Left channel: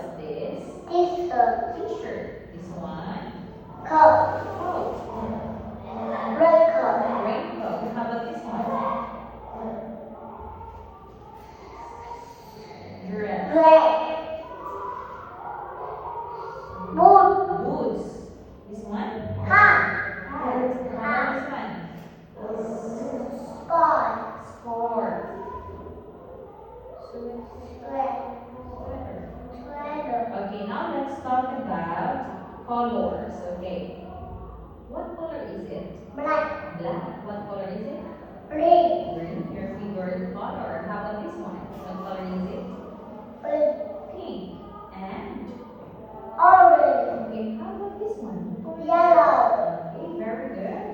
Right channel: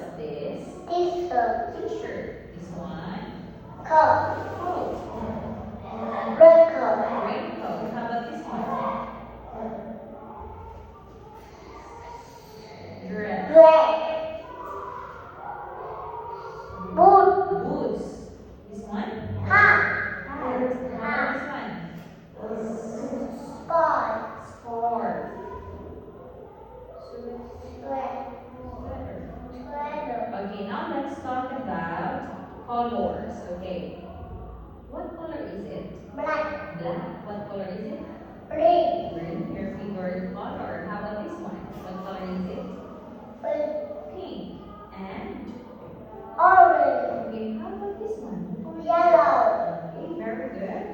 what's this? T-shirt. T-shirt. This one? Coat. Coat. Raincoat. Raincoat. How about this one? Dress. Dress. Boot. Boots. This one? Hat. Hat. How about this one? Scarf. Scarf. Sweater. Sweater. Okay, now let's talk about colors. Okay. What color is it? Black. Black. What color is it? Green. Green. Your favorite color. How about this one? What color is it? Pink. Pink. And? Orange. Okay, how about this one? Yellow. Okay, very good.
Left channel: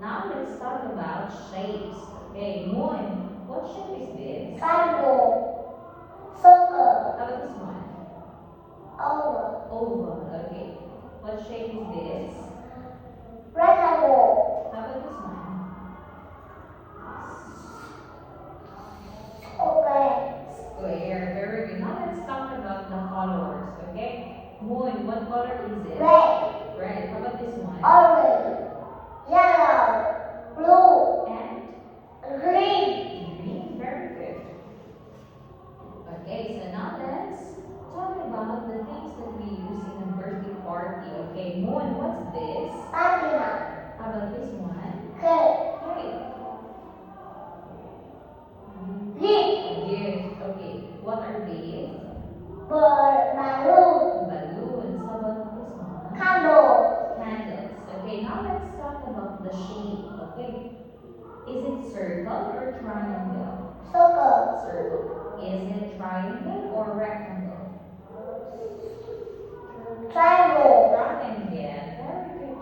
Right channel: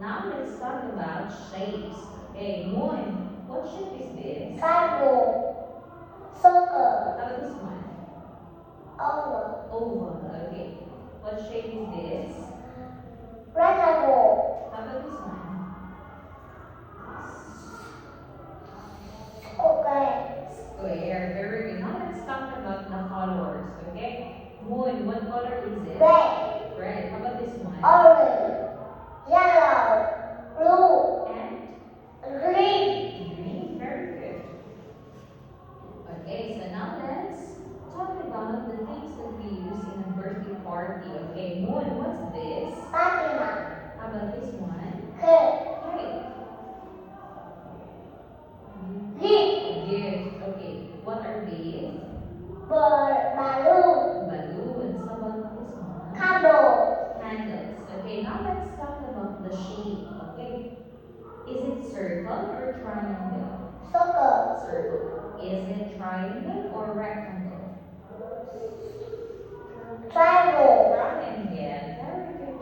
Now let's talk about shapes. Okay, Moon, what shape is this? Triangle. Circle. How about this one? Oval. Oval. Okay. What shape is this? Rectangle. How about this one? Square. Square. Very good. Now let's talk about the colors. Okay. Moon, what color is it? Red. Red. How about this one? Orange. Yellow. Blue. And Green. green. Very good. Okay, so now let's talk about the things that we use in a birthday party. Okay, Moon, what's this? Fatima. How about this one? Cake. Cake. Leaf. Gift. Okay, what are these? Balloon. Balloons. How about this one? Candle. Candles. Okay, now let's talk about the shape. Okay, is it circle or triangle? Circle. Circle. Is it triangle or rectangle? Triangle. Triangle. Very good.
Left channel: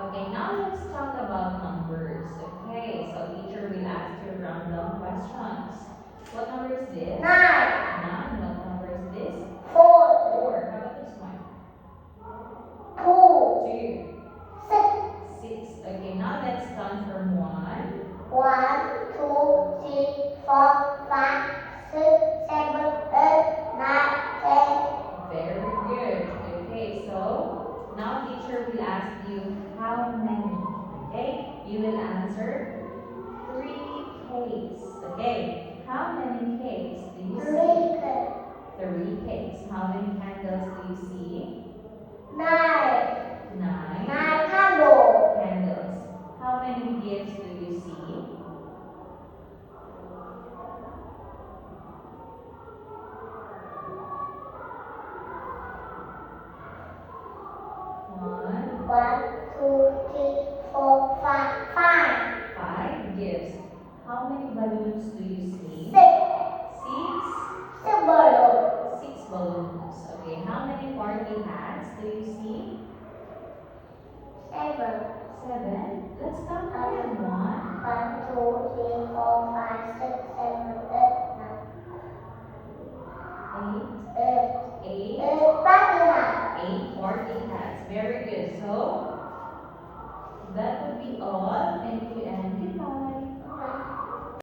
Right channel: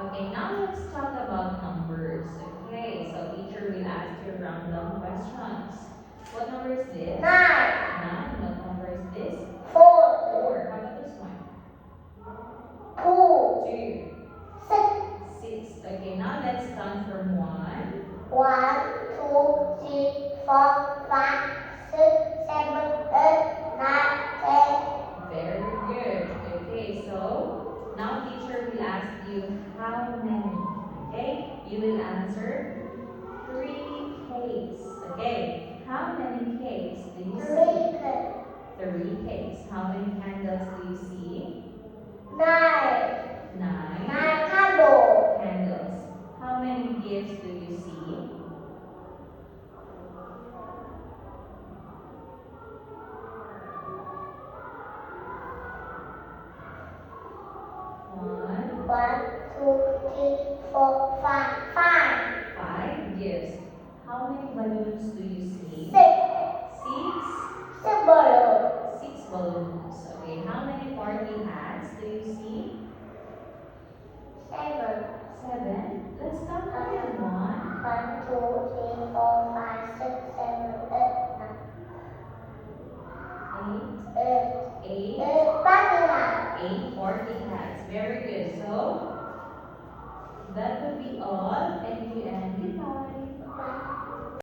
Okay, now let's talk about numbers. Okay, so teacher will ask you random questions. What number is this? 9. 9. What number is this? 4. 4. How about this one? 2. 2. 6. 6. Okay, now let's count from 1. 1, 2, 3, 4, 5, 6, 7, 8, 9, 10. Very good. Okay, so now teacher will ask you how many. Okay, you will answer 3 cakes. Okay, how many cakes do you see? 3 cakes. How many candles do you see? 9. 9 Candle. candles. How many gifts do you see? 1. 1, 2, 3, 4, 5. 5. 5 gifts. How many balloons do you see? 6. 6. 6 balloon. 6 balloons. Okay, how many party hats do you see? 7. 7. Let's count again. 1, 1, 2, 3, 4, 5, 6, 7, 8, 8, 9. 8, 8 party hat. 8 party hats. Very good. So, that would be all. Thank you and goodbye.